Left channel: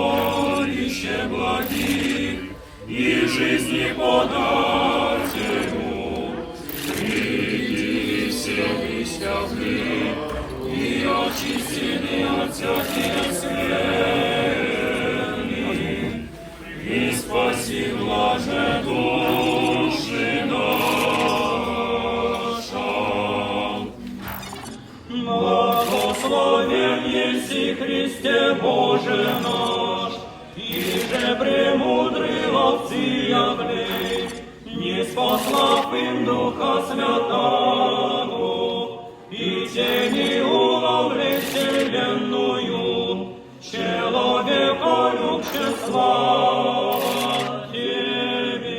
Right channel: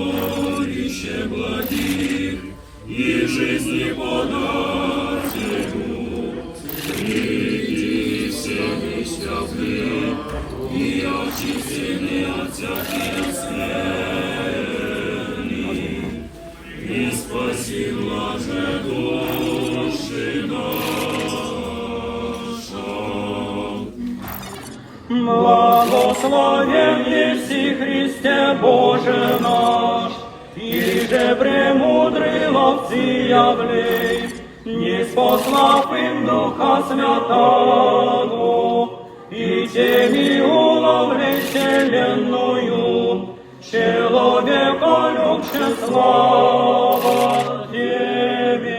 Сокровище благих и жизни подателю, и все несчастные, и очистены от всяких скверни, и спаси блажне души наша. Благословен еси Христе Боже наш, и же премудрый ловцеятный, не спослав им Духа Святого, и тени уловли вселенную, человека любче слава Тебе.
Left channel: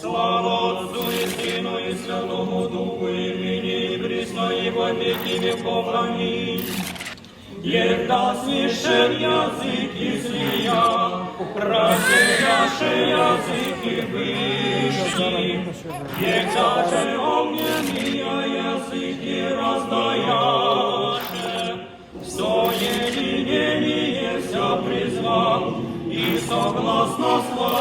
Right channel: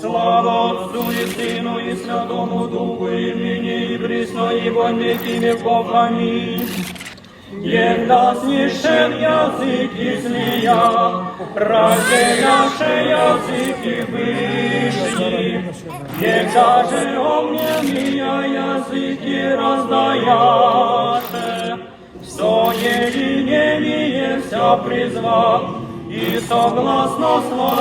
Слава Отцу и Сыну и Святому Духу, и ныне и присно, и во веки веков. Аминь. Егласнейше языки змея, рассеяше языки вышли, егаже огненные языки раздаяше, в соединение вся призвал, и согласно слова